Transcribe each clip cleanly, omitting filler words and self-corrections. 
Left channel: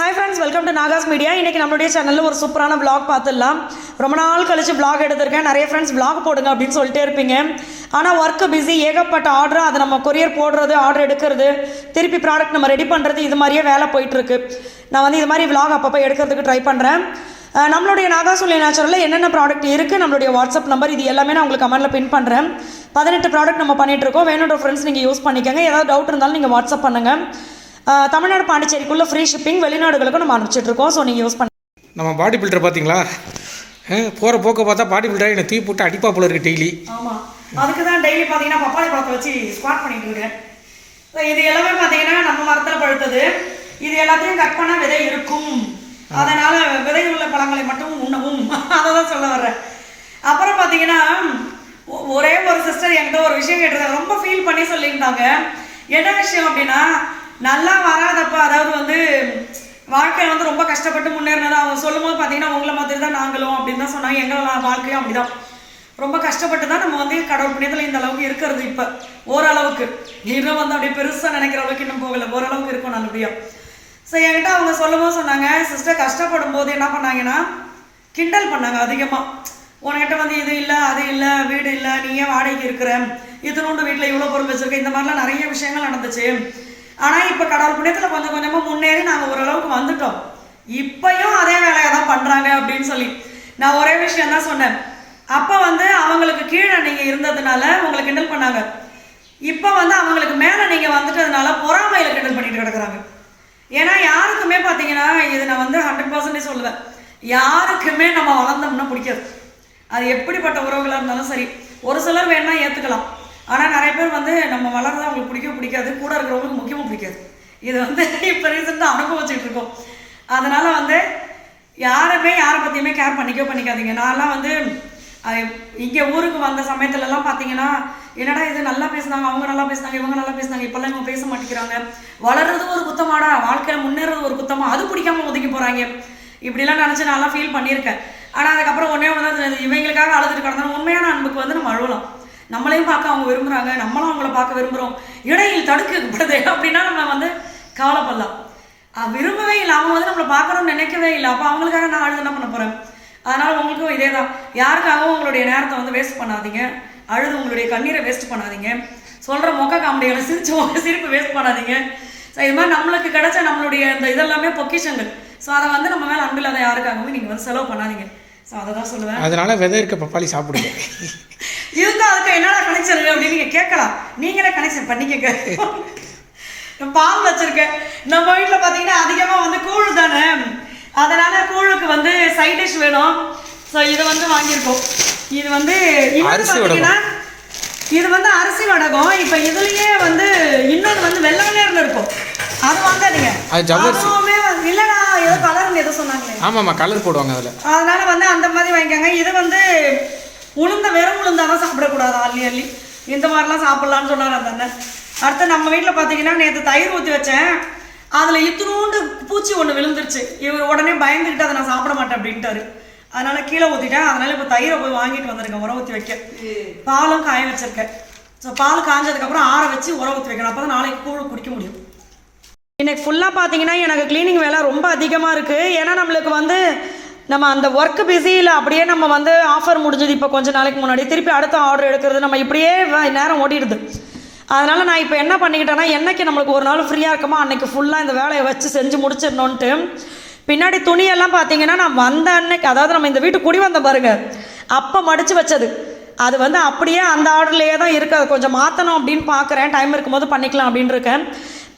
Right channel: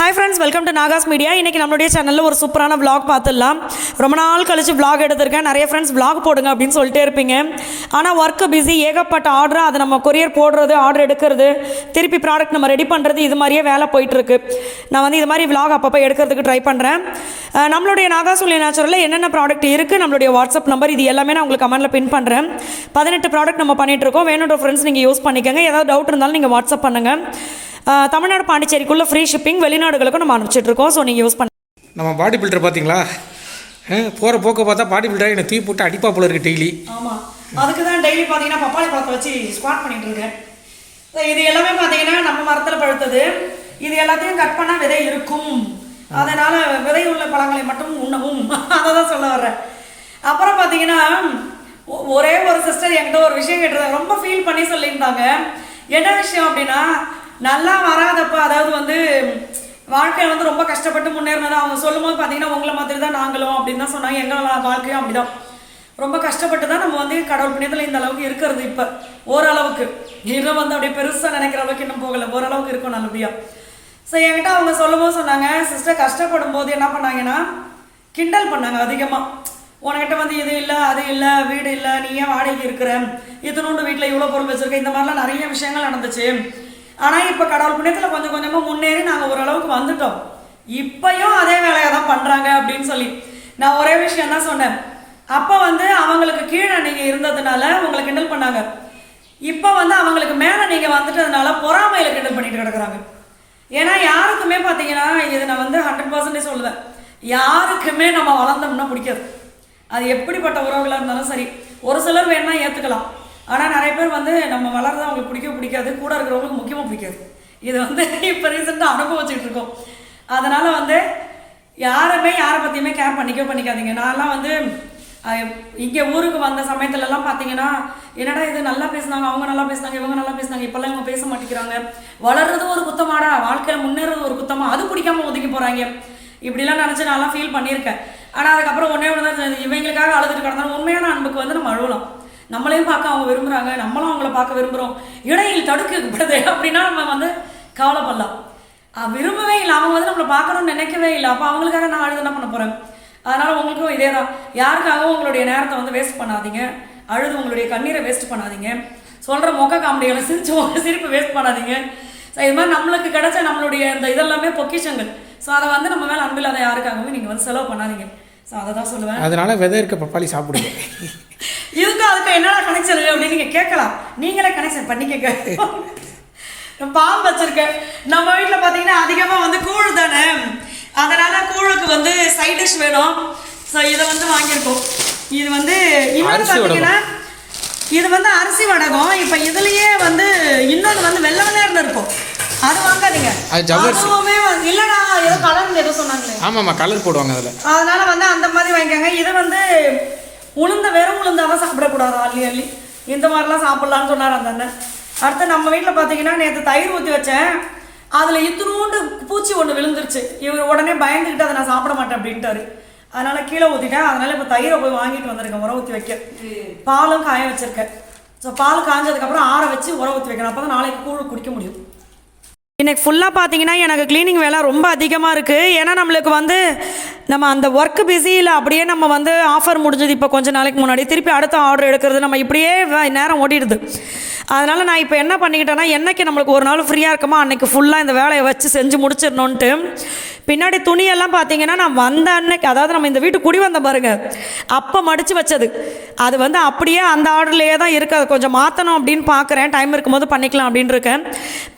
Hi friends, welcome to Nahash media. இன்றைக்கி நம்மளுடைய சேனலில் ஒரு சூப்பரான vlog பார்த்துடலாம். ரொம்ப நாள் கழிச்சு vlog எடுத்திருக்கேன். நிறைய ஃப்ரெண்ட்ஸ் vlog போடுங்க அப்படின்னு சொல்லிட்டே இருப்பீங்க. ஆனால் ஒர்க்கு பிஸி, ஏகப்பட்ட ஆர்டர், அதை நம்ம கொரியர் போடுறது, ஆர்டர் எடுக்கிறது, திருப்பி ப்ராடக்ட் நம்ம ரெடி பண்ணுறது, இது மாதிரியே வேலை போயிட்டுருக்கு. நான் இது மாதிரி vlog அப்பப்போ எடுக்கிறதுக்கு ட்ரை பண்ணுறேன். நம்மளுடைய நாகாஸ் ஒன்லி நேச்சுரலில் என்னென்ன ப்ராடக்ட் இருக்குது, நம்மளுடைய வாட்ஸ்அப் நம்பர், இது எல்லாமே நான் உங்களுக்கு கமெண்ட்டில் பின் பண்ணுறேன். 18 ப்ராடக்ட் நம்ம பண்ணிகிட்ருக்கோம். வேணுன்ற ஃப்ரெண்ட்ஸ் நீங்கள் யூஸ் பண்ணிக்கோங்க. ஏதாவது டவுட் இருந்தாலும் நீங்கள் வாட்ஸ்அப் பண்ணுங்கள். தமிழ்நாடு பாண்டிச்சேரிக்குள்ளே ஃப்ரீ ஷிப்பிங், வெளிநாடுகளுக்கும் நம்ம அனுப்பிச்சிட்ருக்கோம். ஸோ நீங்கள் யூஸ் பண்ண நம்ம பாடி பில்டர் பார்த்தீங்களா, போகிற போக்க பார்த்தா பாடி பில்டர் என்னை தீ போட்டு அடிப்பா போல இருக்குது டெய்லி. ஆமாம், அதுக்கு தான் டெய்லி பார்த்தீங்கன்னா பப்பாளி பழத்தை வச்சு ஸ்குவாட் பண்ணிகிட்டு இருக்கேன். இது எல்லாமே பார்த்தீங்கன்னா நம்ம மரத்தில் பழுத்தது. இது எல்லாத்தையும் கட் பண்ணால் விதை இருக்கும், அதனால் விதை உள்ள பழங்களை மட்டும் உண்ணவும், அதை தான் சொல்ல வர்றேன். அப்புறம் பார்த்தீங்கன்னா ஒரே ஒரு சிஸ்டர் என்கிட்ட ஒரு விஷயம் கேட்டிருந்தாங்க, ரொம்ப ஃபீல் பண்ணி சொல்லியிருந்தாங்க. என்ன விஷயம் அப்படின்னா, நல்லா வராதப்ப, அதாவது வாழ்க்கையில் ரொம்ப கஷ்டப்பட்டு முன்னேறினது அவங்க சொல்லும் போது பார்த்தீங்கன்னா உங்களை மாதிரி தான் நாங்களும் அப்படின்னு தான் சொன்னாங்க. எங்களோட வாழ்க்கையும் அப்படிதான், ரொம்ப கஷ்டப்பட்டு தான் நம்ம கடவுள் புண்ணியத்தில் இந்த அளவுக்கு இருக்கிறது. இப்போ ஓரளவுக்கு இன்னும் அப்படியே பெருசாக நினைக்கிற அளவுக்கு இன்னும் போகலை, ஓரளவுக்கு இருக்கும் நல்லபடியாக. ஸோ என்கிட்ட அவங்க சொல்லும் போது சொன்னாங்க, சிஸ்டர் கஷ்டப்படும் போது என்ன பண்ணாங்கன்னா கிண்டல் பண்ணாங்க அதிகமாக. உனக்கிட்ட இது இல்லை, அது இல்லை, வீடு இல்லை, நீ ஏன் வாடகைக்கு இருக்கிற, இத்தனோண்டு வீட்டில் இவ்வளோ பொருள் வச்சுருக்க, இந்த மாதிரிலாம் நிறைய விஷயங்கள் நடந்துச்சு. ஆனால் இப்போ கடவுள் புண்ணியத்தில் கொஞ்சம் கொஞ்சமாக முன்னேறி நாங்கள் ஓரளவுக்கு வந்துட்டோம். இப்போயும் அதே வேலையை தான் பண்ணுறாங்க அப்படின்னு சொல்லி நான் ஒரே விஷயம் தான் சொன்னேன். அப்போ அவங்களுக்கு கீழே நீங்கள் இருந்ததுனால உங்களை கிண்டல் பண்ணாங்க. இப்போ அவங்களுக்கு மேலே நீங்கள் வந்துட்டதுனால பொறாமையில் கிண்டல் பண்ணிட்டு கிடக்குறாங்க. ஏன்னா யாருக்குமே பார்த்தீங்கன்னா, இது நான் 100% சொல்லுவேன், யாருக்குமே நம்ம வளர்ந்தோம்னா பிடிக்காது. அது எப்படிப்பட்ட உறவுகளாக இருந்தாலும் சரி. ஒரு சிலர் வேணா ஏற்றுக்கலாம், ஆனால் நிறைய பேர் நம்ம வளர்றதா அவங்களுக்கு பிடிக்காது, கூட இருக்கிறவங்களுக்கு முக்கியமாக பிடிக்காது. இது இப்போ ரீசெண்டாக அனுபவிச்சுட்டு இருக்கோம். அதனால் யாருமே யாரை பற்றியுமே கேர் பண்ணிக்காதீங்க. நான்லாம் இங்கே ஊருக்கு வந்த சமயத்துலலாம் பார்த்தீங்கன்னா, என்னடா இது நல்லா பேசுனாங்க, அவங்க நல்லா பேசுனாங்க, இவங்க நல்லா பேசுனாங்க, இப்போல்லாம் இவங்க பேச மாட்டேங்கிறாங்க, வளர்றது ஒரு குத்தமாடா, வாழ்க்கையில் முன்னேறது ஒரு குத்தமா, அது பிடிக்காம ஒதுக்கி போகிறாங்க, இப்படிலாம் நினச்சி நான்லாம் ஃபீல் பண்ணியிருக்கேன். ஆனால் அதுக்கப்புறம் ஒன்றே தான், இவங்களுக்காக அழுதுட்டு கிடந்தாலும் உண்மையான அன்புக்கு நம்ம அழுவலாம். நம்மளையும் பார்க்க அவங்க விரும்புகிறாங்க, நம்மளும் அவங்கள பார்க்க விரும்புகிறோம், இடையில் தடுக்கப்படுது அப்படின்னா நம்ம கவலைப்படலாம். விரும்பவே இல்லை, அவங்க நம்மளை பார்க்கணும்னு நினைக்கவே இல்லை, அப்போ அவங்களுக்காக நான் அழுது என்ன பண்ண போகிறேன். அதனால் உங்களுக்கும் இதே தான், யாருக்காகவும் உங்களுடைய நேரத்தை வேஸ்ட் பண்ணாதீங்க, அழுது உங்களுடைய கண்ணீரை வேஸ்ட் பண்ணாதீங்க, சொல்கிற மொக்க காமெடிகளை சிரிப்பு வேஸ்ட் பண்ணாதீங்க. ஸோ இது மாதிரி நம்மளுக்கு கிடைச்ச நம்மளுடைய இந்த இதெல்லாமே பொக்கிஷங்கள். ஸோ அதை நம்ம மேலே அன்பில்லாத யாருக்காகவும் நீங்கள் செலவு பண்ணாதீங்க. ஸோ அதை தான் சொல்லுவேன். அதனால விதை இருக்க பப்பாளி சாப்பிடுங்க. இதுக்கும் அதுக்கு என்னடா கனெக்ஷன் அப்படின்னு நீங்கள் கேட்கலாம். நீங்களே கனெக்ஷன் பண்ணிக்கங்க. பால் வச்சிருக்கேன். நம்ம வீட்டில் பார்த்தீங்கன்னா அதிகமாக கூழ் தானே, அதனால கூழுக்கு சைட் டிஷ் வேணும். ஸோ இதை வாங்கியிருக்கோம். இது இன்னொன்று பார்த்தீங்கன்னா, இது அரிசி வடகம். இப்போ இதுலேயே இன்னொன்று வெள்ளை வெள்ளையர்னு இருக்கும், அது வாங்காதீங்க. அதுவுமே இல்லைடா, ஏதோ கலர்னு ஏதோ சொன்னாங்களே. ஆமாம்மா, கலர் போடுவாங்க அதில். அதனால அந்த மாதிரி வாங்கிக்கோங்க. இது உளுந்த வெறும் உளுந்தாதான் சாப்பிடக்கூடாது, அள்ளி இந்த மாதிரிலாம் சாப்பிட்லான்னு சொன்னார் அந்த அண்ணன். அடுத்து நம்ம வீட்டில் பார்த்தீங்கன்னா நேற்று தயிர் ஊற்றி வச்சேன், அதில் இத்தினூண்டு பூச்சி ஒன்று விழுந்துருச்சு. இவர் உடனே பயந்துக்கிட்டு அதை நான் சாப்பிட மாட்டேன் அப்படின்ட்டாரு. அதனால் கீழே ஊற்றிட்டேன். அதனால் இப்போ தயிரை போய் வாங்கிட்டு வந்திருக்கேன் உரம் ஊற்றி வைக்க. பாலும் காய வச்சுருக்கேன். ஸோ பால் காஞ்சதுக்கப்புறம் ஆற வச்சு உரம் ஊற்றி வைக்கணும், அப்போ தான் நாளைக்கு கூழ் குடிக்க முடியும். இன்னைக்கு ஃபுல்லாக பார்த்தீங்கன்னா எனக்கு க்ளீனிங் வேலை ரொம்ப அதிகமாக இருக்குது. ஏன்னா நம்மளுக்கு நம்ம அந்த ஒர்க்கு பிஸியில் அப்படியே நம்ம ஆஃபர் முடிஞ்சது இப்போ கொஞ்சம் நாளைக்கு முன்னாடி, திருப்பி அடுத்த ஆர்டர் எடுக்கிறது, நம்ம இப்படியே நேரம் ஓடிடுது. அதனால் நான் இப்போ என்ன பண்ணிக்கிட்டேன்னா, என்னைக்கு நம்மளுக்கு ஒரு நாள் ஃப்ரீயாக இருக்குமோ அன்றைக்கி ஃபுல்லாக இந்த வேலையை வச்சு செஞ்சு முடிச்சிடணுன்ட்டு. பின்னாடி துணியெல்லாம் பார்த்தீங்கன்னா நான் வந்த அன்னைக்கு, அதாவது நம்ம இந்த வீட்டுக்கு குடி வந்த பாருங்க, அப்போ மடித்து வச்சது, அது அப்படியே அந்த ஆர்டர்லேயே தான் இருக்குது. அது கொஞ்சம் மாற்றணும் அப்படின்னு பார்க்குறேன், டைம் இருக்கும்போது பண்ணிக்கலாம் அப்படின்னு இருக்கேன்.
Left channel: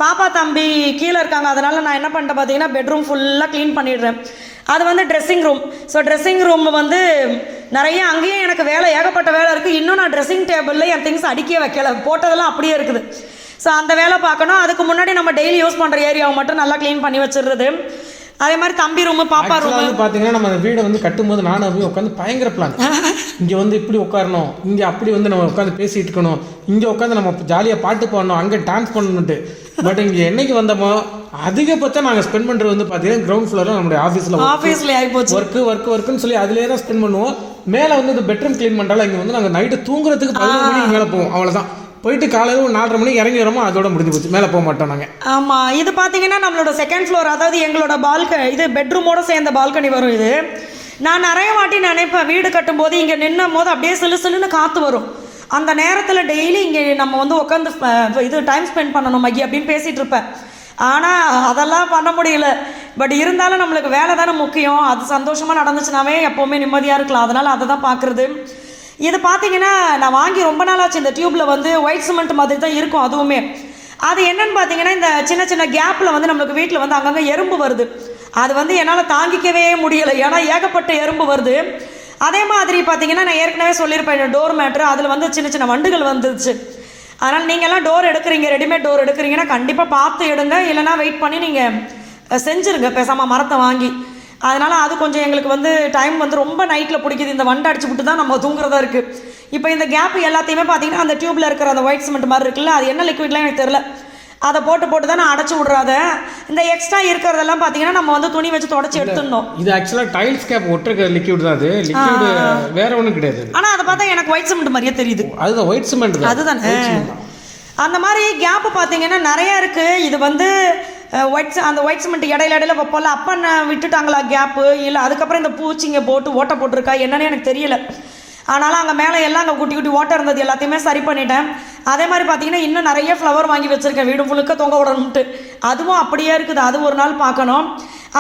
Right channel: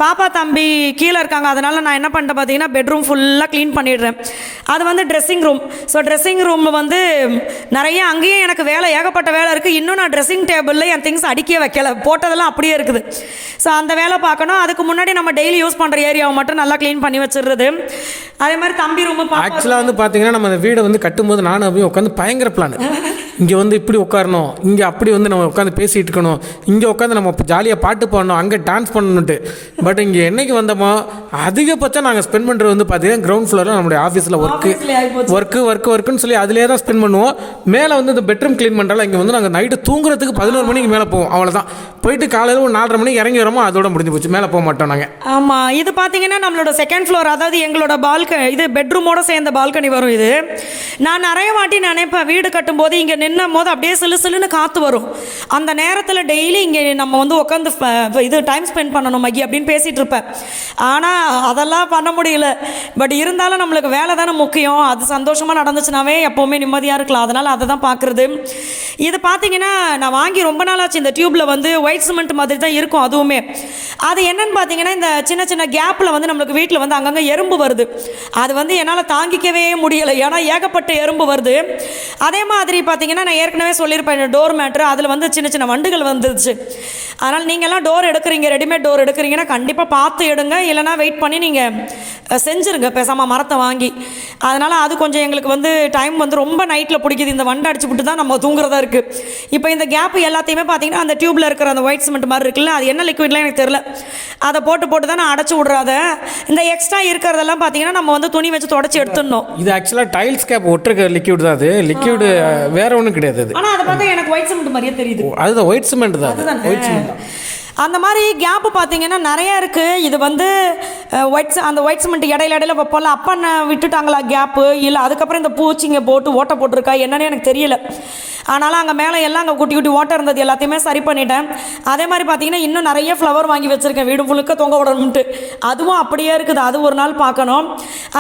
பாப்பா தம்பி கீழே இருக்காங்க, அதனால் நான் என்ன பண்ணிட்டேன் பார்த்தீங்கன்னா, பெட்ரூம் ஃபுல்லாக க்ளீன் பண்ணிடுறேன். அது dressing room. So dressing room நிறைய அங்கேயும் எனக்கு வேலை, ஏகப்பட்ட வேலை இருக்குது. இன்னும் நான் ட்ரெஸ்ஸிங் டேபிளில் என் திங்ஸ் அடிக்கவே வைக்கல, போட்டதெல்லாம் அப்படியே இருக்குது. ஸோ அந்த வேலை பார்க்கணும். அதுக்கு முன்னாடி நம்ம டெய்லி யூஸ் பண்ணுற ஏரியாவை மட்டும் நல்லா க்ளீன் பண்ணி வச்சிடுறது. அதே மாதிரி தம்பி ரூம், பாப்பா ரூம். பார்த்தீங்கன்னா நம்ம வீடை கட்டும்போது நானும் அப்படியே உட்காந்து பயங்கர பிளான், இங்கே இப்படி உட்காரணும், இங்கே அப்படி நம்ம உட்காந்து பேசிகிட்டு இருக்கணும், இங்கே உட்காந்து நம்ம ஜாலியாக பாட்டு பாடணும், அங்கே டான்ஸ் பண்ணணுன்ட்டு. பட் இங்கே என்னைக்கு வந்தோமோ அதிகபட்சம் நாங்கள் ஸ்பெண்ட் பண்ணுறது பார்த்தீங்கன்னா கிரவுண்ட் ஃப்ளோரில் நம்மளுடைய ஆஃபீஸில் ஒர்க்குன்னு சொல்லி அதிலே தான் ஸ்பெண்ட் பண்ணுவோம். மேலே இந்த பெட்ரூம் க்ளீன் பண்ணுறாலும் இங்கே நாங்கள் நைட்டு தூங்குறதுக்கு 11 மணிக்கு மேலே போவோம், அவ்வளோதான். போயிட்டு காலையில் ஒரு 4:30 மணிக்கு இறங்கி வரமோ அதோட முடிஞ்சு போச்சு, மேலே போக மாட்டோம் நாங்கள். ஆமாம், இது பார்த்தீங்கன்னா நம்மளோட செகண்ட் ஃப்ளோர், அதாவது எங்களோட இது பெட்ரூமோட சேர்ந்த பால்கனி வரும். இது நான் நிறைய வாட்டி நினைப்பேன், வீடு கட்டும்போது இங்கே நின்னும் போது அப்படியே சிலு சிலுன்னு காற்று வரும். அந்த நேரத்தில் டெய்லி இங்கே நம்ம வந்து உட்காந்து இது டைம் ஸ்பெண்ட் பண்ணணும் மகி அப்படின்னு பேசிகிட்டு இருப்பேன். ஆனால் அதெல்லாம் பண்ண முடியல. பட் இருந்தாலும் நம்மளுக்கு வேலை தானே முக்கியம். அது சந்தோஷமாக நடந்துச்சுனாவே எப்போவுமே நிம்மதியாக இருக்கலாம். அதனால் அதை தான் பார்க்குறது. இது பார்த்தீங்கன்னா நான் வாங்கி ரொம்ப நாளாச்சு. இந்த டியூப்பில் வந்து ஒயிட் சிமெண்ட் மாதிரி தான் இருக்கும் அதுவுமே. அது என்னன்னு பார்த்தீங்கன்னா இந்த சின்ன சின்ன கேப்பில் வந்து நம்மளுக்கு வீட்டில் வந்து அங்கங்கே எறும்பு வருது. அது வந்து என்னால் தாங்கிக்கவே முடியலை, ஏன்னா ஏகப்பட்ட எறும்பு வருது. அதே மாதிரி பார்த்தீங்கன்னா நான் ஏற்கனவே சொல்லியிருப்பேன், டோர் மேட்ரு அதில் வந்து சின்ன சின்ன வண்டுகள் வந்துருச்சு. அதனால் நீங்கள்லாம் டோர் எடுக்கிறீங்க, ரெடிமேட் டோர் எடுக்கிறீங்கன்னா கண்டிப்பாக பார்த்து எடுங்க, இல்லைனா வெயிட் பண்ணி நீங்கள் செஞ்சுருங்க பேசாமல் மரத்தை வாங்கி. அதனால் அது கொஞ்சம் எங்களுக்கு வந்து டைம் வந்து ரொம்ப நைட்டில் பிடிக்குது. இந்த வண்டை அடிச்சுவிட்டு தான் நம்ம தூங்குறதா இருக்குது. இப்போ இந்த கேப்பு எல்லாத்தையுமே பார்த்தீங்கன்னா அந்த டியூப்பில் இருக்கிற அந்த ஒயிட் சிமெண்ட் மாதிரி இருக்குல்ல, அது என்ன லிக்விட்லாம் எனக்கு தெரில, அதை போட்டு தான் நான் அடைச்சி விட்றாத. இந்த எக்ஸ்ட்ரா இருக்கிறதெல்லாம் பார்த்தீங்கன்னா நம்ம வந்து துணி வச்சு தொடச்சி எடுத்துடணும். இது ஆக்சுவலாக டைல்ஸ் கேப் ஒட்டுற லிக்விட் தான். அது லிக்விட் வேற ஒன்றும் கிடையாது. ஆனால் அதை பார்த்தா எனக்கு ஒயிட் சிமெண்ட் மாதிரியே தெரியுது. அதுதான் ஒயிட் சிமெண்ட் தான். அதுதான் அந்த மாதிரி கேப்பு பார்த்தீங்கன்னா நிறையா இருக்குது. இது வந்து அந்த ஒயிட் சிமெண்ட் இடையில வைப்போம்ல, அப்பா நான் விட்டுட்டாங்களா கேப்பு, இல்லை அதுக்கப்புறம் இந்த பூச்சிங்க போட்டு ஓட்டை போட்டிருக்கா என்னன்னு எனக்கு தெரியல. ஆனாலும் அங்கே மேலே எல்லாம் அங்கே குட்டி குட்டி ஓட்டை இருந்தது, எல்லாத்தையுமே சரி பண்ணிட்டேன். அதே மாதிரி பார்த்தீங்கன்னா இன்னும் நிறைய ஃப்ளவர் வாங்கி வச்சுருக்கேன் வீடு ஃபுல்லுக்க தொங்க விடணும்ட்டு. அதுவும் அப்படியே இருக்குது, அது ஒரு நாள் பார்க்கணும்.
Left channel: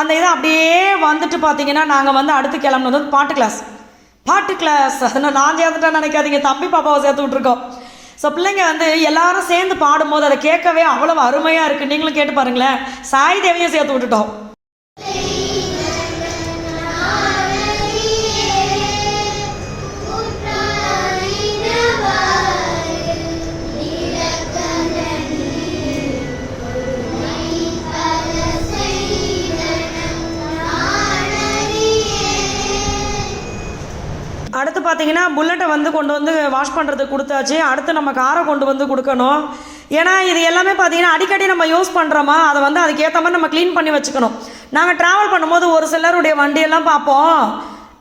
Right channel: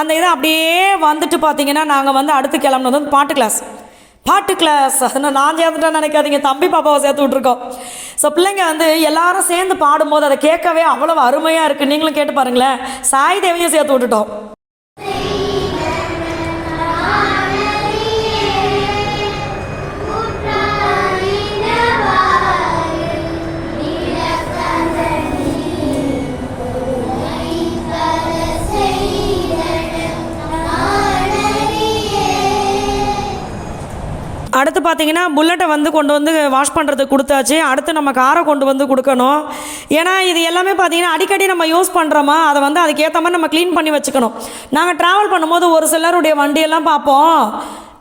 அந்த இதை அப்படியே வந்துட்டு பார்த்தீங்கன்னா நாங்கள் வந்து அடுத்து கிளம்புனது பாட்டு கிளாஸ். அதனால் நான் சேர்த்துட்டேன்னு நினைக்காதீங்க, தம்பி பாப்பாவை சேர்த்து விட்ருக்கோம். ஸோ பிள்ளைங்க வந்து எல்லாரும் சேர்ந்து பாடும்போது அதை கேட்கவே அவ்வளவு அருமையாக இருக்குது. நீங்களும் கேட்டு பாருங்களேன். சாய் தேவியை சேர்த்து விட்டுட்டோம். அடுத்து பார்த்தீங்கன்னா புல்லட்டை வந்து கொண்டு வந்து வாஷ் பண்ணுறதுக்கு கொடுத்தாச்சு. அடுத்து நம்ம காரை கொண்டு வந்து கொடுக்கணும். ஏன்னா இது எல்லாமே பார்த்தீங்கன்னா அடிக்கடி நம்ம யூஸ் பண்ணுறோமா, அதை வந்து அதுக்கேற்ற மாதிரி நம்ம க்ளீன் பண்ணி வச்சுக்கணும். நாங்கள் ட்ராவல் பண்ணும்போது ஒரு சிலருடைய வண்டியெல்லாம் பார்ப்போம்,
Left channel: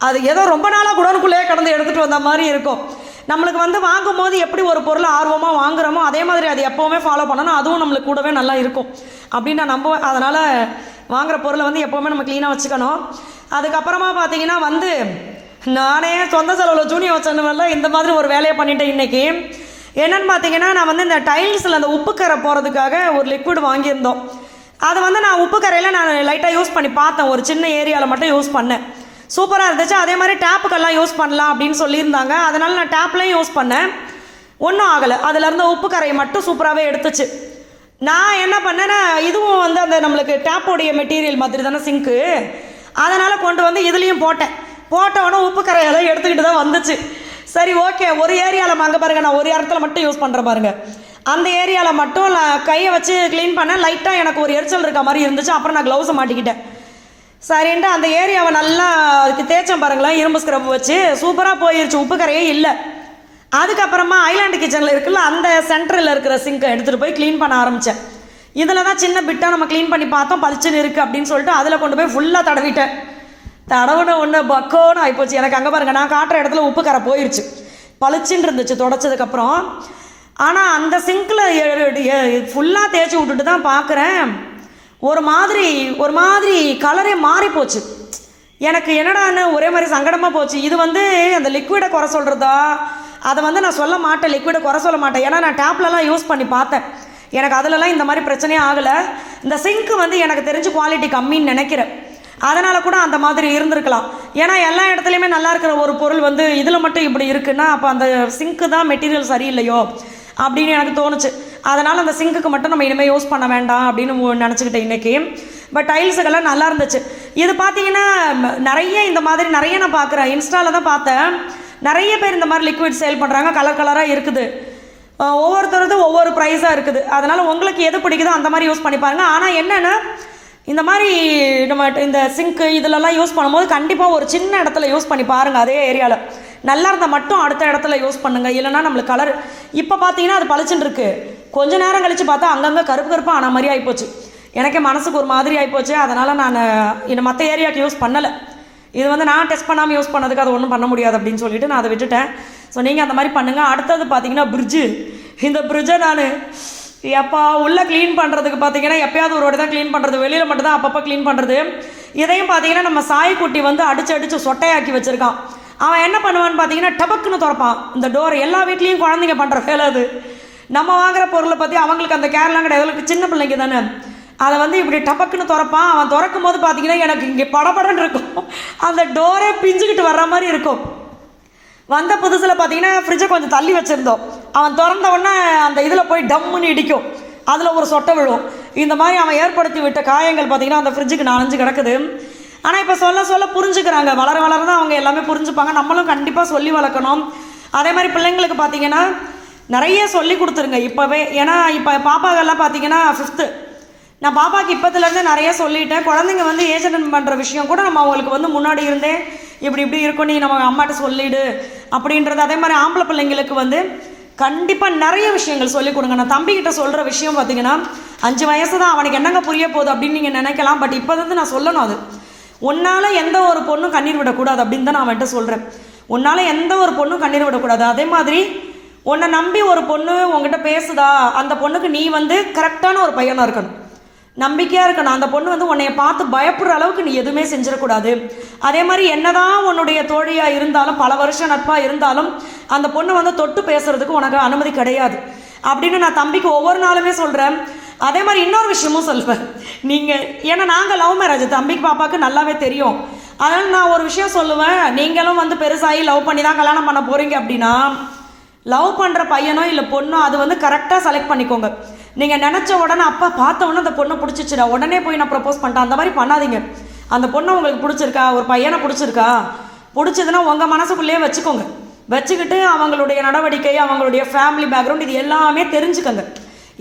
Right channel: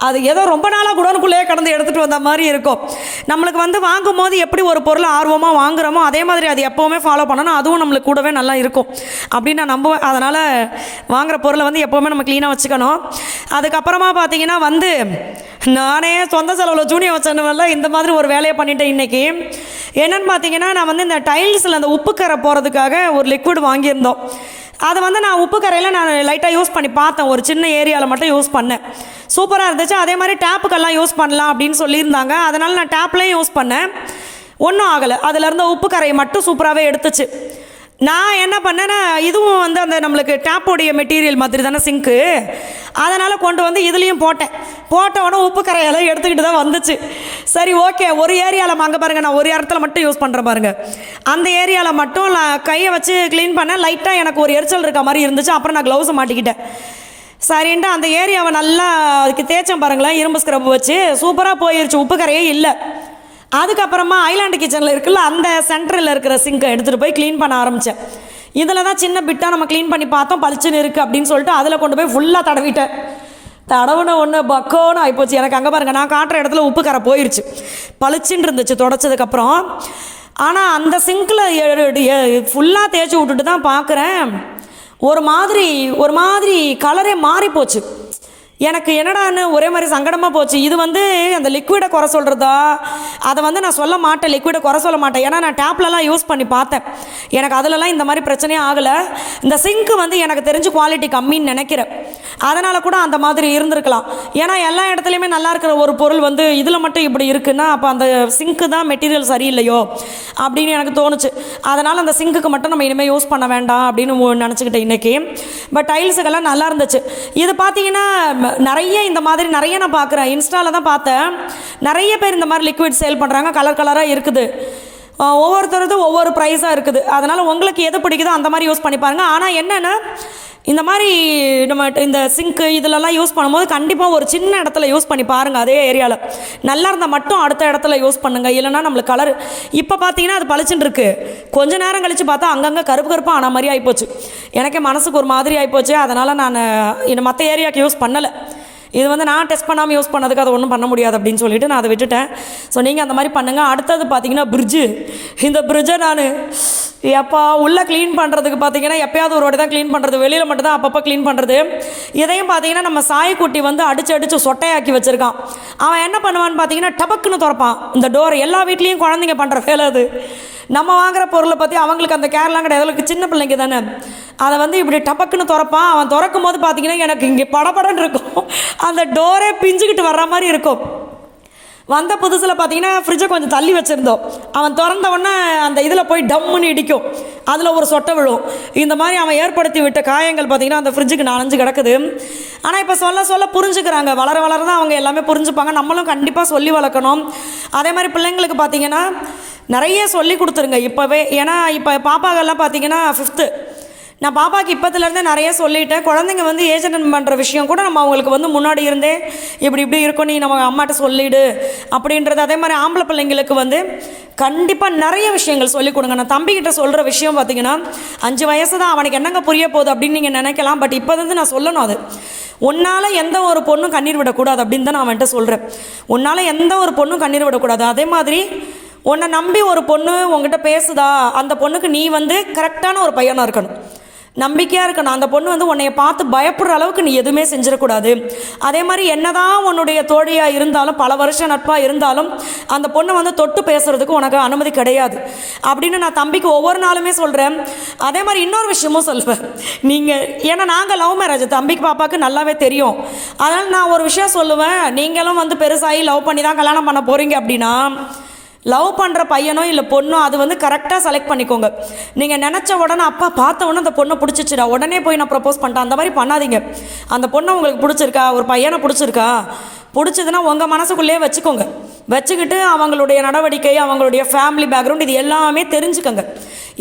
அது ஏதோ ரொம்ப நாளாக குடோனுக்குள்ளேயே கடந்து எடுத்துகிட்டு வந்த மாதிரி இருக்கும். நம்மளுக்கு வந்து வாங்கும்போது எப்படி ஒரு பொருளை ஆர்வமாக வாங்குகிறோமோ அதே மாதிரி அது எப்போவுமே ஃபாலோ பண்ணணும். அதுவும் நம்மளுக்கு கூடவே நல்லா இருக்கும் அப்படின்னு நான் நம்புவேன். அதனால் வாங்குகிற பொருளை வந்து எப்போவுமே நம்ம க்ளீனாக வச்சுக்கணும். அதுக்கப்புறமா பார்த்தீங்கன்னா வந்து நானே சொந்த செலவில் ஜூனியர் வச்சனுவல்ல இந்த மாதிரி ஒரு வேலையை பண்ணிட்டேன் இன்றைக்கி. என்னென்னு பார்த்தீங்கன்னா நான் வந்து இந்த டைல்ஸில் அந்த உப்பு கரை போகிறதுக்காக ஒரு லிக்விட் வாங்கியிருந்தோம். அதை வந்து நான் உப்பு கரையில் நான் லைட்டாக யூஸ் பண்ணி பார்த்தேன், ஒரு சின்ன ஏரியாவில் மட்டும் யூஸ் பண்ணேன். சூப்பராக இருந்துச்சு. அதே மாதிரி டேப்புக்கெல்லாம் யூஸ் பண்ணலாம் அப்படின்னு சொல்லியிருந்தாங்க. அதனால் நான் டேப்லேயும் யூஸ் பண்ணேன், ஒன்றும் ஆகலை. அதில் இருந்த உப்பு கரையை மட்டும் சூப்பராகவே எடுத்துச்சு. நான் என்ன பண்ணேன்னா இதுவும் வந்து அந்த நம்மளுக்கு டேப்போடைய மெட்டீரியல் மாதிரி தானே சிங்க்கு, அதனால் கொண்டு வந்து இதுலேயும் போட்டவொடனே உப்பு கரையெல்லாம் எடுத்துக்கிட்டு தான் வந்துச்சு. சரி ஓகே, ஒரு ஏரியாவில் அங்கே பாருங்கள், நான் ஒரு இடத்துல மட்டும் யூஸ் பண்ணுறேன் பாருங்கள். அந்த ஏரியாவில் மட்டும் நான் கையை வச்சு க்ளீன் பண்ணேன். லைட்டாக எனக்கு ஒரு எரிச்சல் இருக்க மாதிரி இருந்துச்சு. அப்புறம் நான் க்ளவுஸை மாட்டிக்கிட்டேன். சரின்ட்டு அந்த ஏரியாவை நல்லா அதுக்கு தேய்ச்சேன் பாருங்களேன், இரும்பு ஸ்க்ரப் வச்சு. சூப்பராக போயிருச்சு, உப்பு கரையே இல்லை. அதுக்கப்புறமா ஐலாண்டு கிச்சனில் இருக்குல்ல, அந்த சென்டரில் இருக்கிற சிங்கை எடுத்துகிட்டு போய் க்ளீன் பண்ண ஆரம்பித்தேன். இதில் தான் சின்ன பிட்டாக நம்ம க்ளீன் பண்ணி பார்த்தோம், பளிச்சுன்னு இருக்குது அப்படின்னு சொல்லிட்டு அதில் கொண்டு போய் ஃபுல்லாக தடவிட்டேன். தடவுன ஒன்று பக்கோன்னு ஆகிப்போச்சு எனக்கு. அங்கே பாருங்கள், நான் காட்டுற இடத்துல உப்பு கரை போயிடுச்சு, பளிச்சுன்னு இருந்துச்சு தொடச்சதுக்கப்புறம். ஆனால் அந்த சிங்கில் ஃபுல்லாக தேய்ச்சி விட்டுட்டு தான் பார்க்குறேன், ஒரு மாதிரி கலரே மாறி போச்சு. எனக்கு என்னடான்னு ஒரே மாதிரி சங்கடமாக போச்சு. இது வந்து அந்த லிக்விடை குறை சொல்கிறதா, அதை வந்து நான் சொல்ல மாட்டேன், லிக்விடை குறை சொல்ல மாட்டேன். ஏன்னா நான் டேப்லலாம் யூஸ் பண்ணி பார்த்தேன், எனக்கு அதிலலாம் இந்த மாதிரி பிரச்சனையே ஆகலை. இந்த சிங்க்கு வந்து எனக்கு தெரிஞ்சு குவாலிட்டி கம்மின்னு நினைக்கிறேன். அதனால் கூட அந்த மாதிரி இருந்திருக்கலாம். ஏன்னா எல்லா இடத்துலையுமே நல்லா இருக்கிற ஒரு பொருள் வந்து இதில் மட்டும் இப்படி இருக்குன்னா அப்போ அந்த சிங்க்கு தான் மெட்டீரியல் சரியில்லையோ அப்படின்னு எனக்கு தோணுச்சு. அதனால் அந்த சிங்க்குக்கு மட்டும் நம்ம இனிமேல் யூஸ் பண்ண வேண்டாம் அப்படின்னு நினச்சிக்கிட்டேன் இன்றைக்கி. பட் டைல்ஸுக்கெல்லாம் நல்லா இருந்துச்சு. இது பார்த்தீங்கன்னா நிறைய இந்த மாதிரி நிறைய நான் பார்க்குறேன், இன்ஸ்டாவில் தான் பார்த்தேன். நிறைய பேர் இந்த மாதிரி லிக்விட் சேல் பண்ணுறாங்க, கலர் கலராக இருக்குது. ஒவ்வொருத்தரதும் ஒவ்வொரு ப்ரைஸாக இருக்குது. அதனால் உங்களுக்கு எது பிடிக்குதோ அந்த மாதிரி யூஸ் பண்ணி பாருங்கள். ஆனால் என்னென்னா இந்த மாதிரி நம்ம இந்த சிங்க்கு இதிலெல்லாம் யூஸ் பண்ணும்போது கண்டிப்பாக ஒரு சின்ன இடத்துல யூஸ் பண்ணி பாருங்கள். அதே ஏரியாவில் நல்லா இருந்தால் மட்டும் அடுத்த இடத்துல யூஸ் பண்ணுங்கள். இல்லைனா நம்மளுக்கு கலர் இப்போ பார்த்தீங்கன்னா அது பளிச்சுன்னு இருக்குது, கொஞ்ச நேரம் கழித்து பார்த்தா அங்கங்கே கருப்பாக ஆன மாதிரி ஆகிப்போச்சு. எனக்கே மனசுக்கு ஒரு மாதிரி ஆகிப்போச்சு. அதனால் நான் இன்னும் மற்ற ஏரியாவுக்கு யூஸ் பண்ணலை. இது வந்து நான் டெஸ்ட் பண்ணாமல் யூஸ் பண்ணதுக்கு அதை ஒன்றும் பண்ண முடியாது அப்படின்னு சொல்லிட்டு நான் அதை விட்டுட்டேன். ஸோ நீங்கள் அந்த மாதிரி பண்ணுங்கள். அடுத்தது பார்த்தீங்கன்னா பிரிட்ஜு. இந்த பிரிட்ஜை நான் எப்போ உள்ளே க்ளீன் பண்ணுறதுக்கு பார்த்தீங்கன்னா எப்போயாவது ஒரு வாட்டி தான் க்ளீன் பண்ணுறது, வெளியில் மட்டும் தான் அப்பப்போ க்ளீன் பண்ணுறது. இதையும் பார்த்தீங்கன்னா நம்ம சாய்க்குட்டி வந்து அடித்து சொட்டையாக்கி வச்சுருக்கான். அவன் என்ன பண்ணுவான்னு பார்த்தீங்கன்னா டபக்குன்னு திறப்பான் இந்த டோர். எல்லா வீட்லேயும் குழந்தைங்க பண்ணுற வேலை அது. நம்ம வாங்குற பொருளை பற்றி அவங்களுக்கு அந்த கேர்லாம் கிடையாது, அவங்களுக்கு சின்ன பிள்ளைங்க தானே. அதை வந்து இப்படி டபக்குன்னு திறப்பான். அவன் திறக்கும் போது பார்த்தீங்கன்னா எனக்கு இங்கே படபடன்னு இருக்கும், அந்த டோரே பிஞ்சுக்கிட்டு வர்ற மாதிரி இருக்கும். வந்த புதுசில் பார்த்தீங்கன்னா ஃப்ரிட்ஜை கொஞ்சம் தள்ளி வச்சுருந்தோம். அவன் திறந்த உடனே அந்த இதில் போய் டம்முன்னு இடிக்கும், அதில் ஒரு சொட்டை விழும். இந்த மாதிரி அவன் ஏற்படுத்தி விட்ட காயங்கள் பார்த்தீங்கன்னா அந்த ஃப்ரிட்ஜுக்கு 4-5 கிடக்குது. ஆனால் இப்போ சொல்ல புரிஞ்சுக்கிறாங்க. வளர தான் அவங்க எல்லாமே புரிஞ்சுப்பாங்க. நம்மளும் கண்டிப்பாக சொல்லி வளர்க்கணும். அதே மாதிரி பிள்ளைங்களுக்கு பார்த்தீங்கன்னா நிறைய சொல்லி கொடுத்துருங்க இப்போவே. ஏன்னா இப்போ பாப்பாக்கெல்லாம் பார்த்தீங்கன்னா 5th. நான் பாப்பாவுக்கு இப்போத்துலேருந்து நிறைய சொல்லிட்டேன். குழந்தைங்க வந்து ஏஜ் அட்டன் பண்ணுற விஷயம் கூட நம்ம அவங்களுக்கு வந்து முன்னாடி இருந்தே இப்படி இருக்கும், நீ நம்ம அம்மாட்ட சொல்லிடு அப்படின்றது. அதே மாதிரி ஆம்பளை பிள்ளைங்களுக்கு வந்து கண்டிப்பாக நிறைய விஷயங்கள் சொல்லிக் கொடுங்க. நான் தம்பிக்கிட்ட சொல்கிற விஷயம் பார்த்தீங்கன்னா 5 வயசு தான், அவனுக்கு என்னங்க புரிய போகுது அப்படின்னு நீங்கள் நினைக்கலாம். பட் இப்போ வந்து நான் சொல்லணும், அது உன்னால் எந்த ஒரு பொண்ணும் கண்ணீர் விடக்கூடாது அப்படின்னு தான் நான் அவன்கிட்ட சொல்கிறேன். உன்னால் எந்த ஒரு பொண்ணும் கண்ணீர் விடக்கூடாது. அதே மாதிரி உன்னை நம்பி ஒரு பொண்ணு உங்ககிட்ட பேசுதா, அந்த பொண்ணுக்கு நீ வந்து கரெக்டான ஒரு பையனாக இருக்கணும், நம்பிக்கையாக இருக்கணும். அந்த பொண்ணு வந்து உன்னைய பார்த்து பயப்படுற அளவுக்கு நீ எதுவுமே செஞ்சிடக்கூடாது. அதே மாதிரி என்னதான் உன்னுடைய தோழியாக இருந்தாலும், பல வருஷம் நட்பாக இருந்தாலும், அந்த பொண்ணு வந்து தொட்டு பேசுறதுக்கு உனக்கு அனுமதி கிடையாது அப்படின்னு நான் தம்பிக்கு ஒவ்வொரு நாளுமே சொல்கிறேன். அதே மாதிரி இன்னொரு விஷயமும் சொல்லுவேன். நீங்கள் ஏன்னா நாங்கள் லவ் மேரேஜ், தம்பிக்கு பாப்பாவுக்கு நல்லாவே தெரியும். அதனால் நான் ஒரு விஷயம் சொல்லுவேன், நீங்களும் வந்து பெருசாகி லவ் பண்ணி தான் கல்யாணம் பண்ண போகிறீங்க அப்படின்னா, லவ் பண்ணுற பையனோ இல்லை பொண்ணோ அது வந்து கரெக்டாக செலக்ட் பண்ணிக்கோங்க. நீங்கள் நினச்ச உடனே அப்பா பார்த்த உடனே அந்த பொண்ணை பிடிச்சிச்சுடா உடனே போய் நான் ப்ரப்போஸ் பண்ணிட்டேன், அந்த மாதிரி பண்ணாதீங்க. அந்த பொண்ணை உங்களுக்கு பிடிச்சிருக்கா, ஒரு பையனை பிடிச்சதுன்னா உங்கள் மனசுக்குள்ளேயே வச்சுக்கோங்க. வச்சுக்கிட்டு அவங்களுடைய நடவடிக்கை, அவங்களுடைய ஃபேமிலி பேக்ரவுண்ட் இது எல்லாமே தெரிஞ்சுக்கோங்க.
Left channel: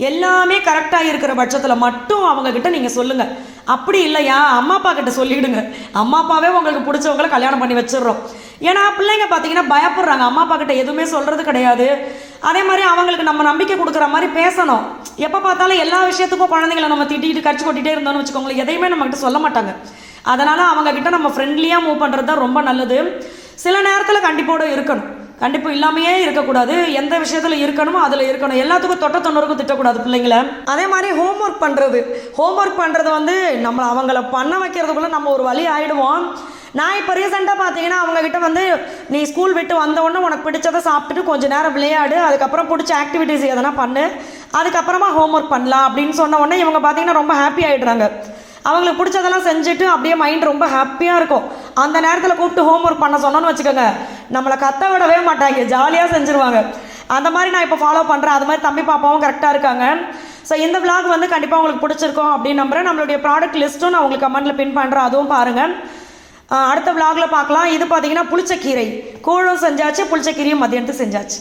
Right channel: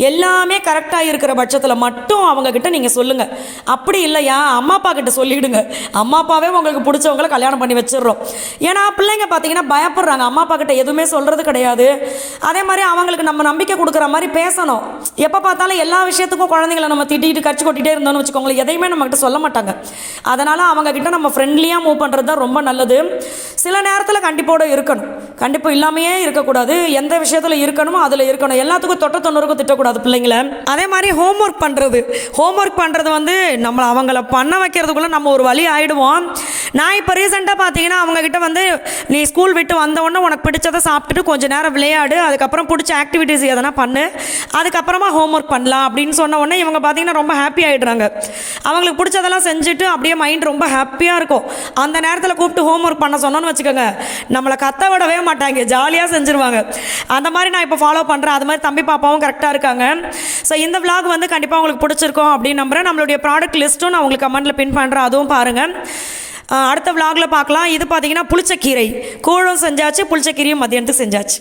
எல்லாமே கரெக்டாக இருக்கிற பட்சத்தில் மட்டும் அவங்கக்கிட்ட நீங்கள் சொல்லுங்கள். அப்படி இல்லையா அம்மா அப்பா கிட்ட சொல்லிவிடுங்க. அம்மா அப்பாவே உங்களுக்கு பிடிச்சவங்களை கல்யாணம் பண்ணி வச்சிடுறோம். ஏன்னா பிள்ளைங்க பார்த்தீங்கன்னா பயப்படுறாங்க, அம்மா அப்பா கிட்ட எதுவுமே சொல்கிறது கிடையாது. அதே மாதிரி அவங்களுக்கு நம்ம நம்பிக்கை கொடுக்குற மாதிரி பேசணும். எப்போ பார்த்தாலும் எல்லா விஷயத்துக்கும் குழந்தைங்களை நம்ம திட்டிட்டு கடிச்சு கொட்டிகிட்டே இருந்தோம்னு வச்சுக்கோங்களேன், எதையுமே நம்மகிட்ட சொல்ல மாட்டாங்க. அதனால் அவங்கக்கிட்ட நம்ம ஃப்ரெண்ட்லியாக மூவ் பண்ணுறது தான் ரொம்ப நல்லது. சில நேரத்தில் கண்டிப்போடு இருக்கணும், கண்டிப்பு இல்லாமையே இருக்கக்கூடாது. எந்த விஷயத்தில் இருக்கணுமோ அதில் இருக்கணும். எல்லாத்துக்கும் தொட்ட தொண்ணூறுக்கும் திட்டக்கூடாது பிள்ளைங்கள. அதே மாதிரி ஹோம்ஒர்க் பண்ணுறது வந்து நம்ம அவங்கள பண்ண வைக்கிறதுக்குள்ள நம்ம ஒரு வழி ஆகிடுவோம். நான் இப்போ ரீசெண்டாக பார்த்தீங்கன்னா அவங்கக்கிட்ட வந்து நீ ஸ்கூல் விட்டு வந்த உடனே உனக்கு பிடிச்சதை சாப்பிட்டுட்டு கொஞ்சம் நேரம் விளையாடு, அதுக்கப்புறம் பிடிச்ச ஆக்டிவிட்டிஸ் எதனா பண்ணு, அதுக்கப்புறமா ஹோம்ஒர்க் பண்ணலாம் அப்படின்னு சொன்ன உடனே இவங்க பார்த்தீங்கன்னா ரொம்ப ஹாப்பி ஆகிடுறாங்க. அவங்களுக்கு பிடிச்சதெல்லாம் செஞ்சுட்டு அப்படியே மைண்ட் ரொம்ப ஹாப்பியாக இருக்கும். அந்த நேரத்தில் கூப்பிட்டு ஹோம்ஒர்க் பண்ண சொன்னோன்னு வச்சுக்கோங்க, நம்மளை கத்த விடவே மாட்டாங்க, ஜாலியாக செஞ்சுருவாங்க. அந்த மாதிரி நான் இப்போ ஃபாலோ பண்ணுறேன். அது மாதிரி தம்பி பாப்பாவும் கரெக்டாக இருக்காங்க. ஸோ இந்த vlog வந்து கண்டிப்பாக உங்களுக்கு பிடிச்சிருக்கும் அப்படின்னு நம்புகிறேன். நம்மளுடைய ப்ராடக்ட் லிஸ்ட்டும் நான் உங்களுக்கு கமெண்ட்டில் பின் பண்ணுறேன், அதுவும் பாருங்கள். அடுத்த vlogல பார்க்கலாம். இது பார்த்தீங்கன்னா புளிச்சக்கீரை கூழும் செஞ்சாச்சு, புளிச்சக்கீரையும் மதியானத்துக்கு செஞ்சாச்சு.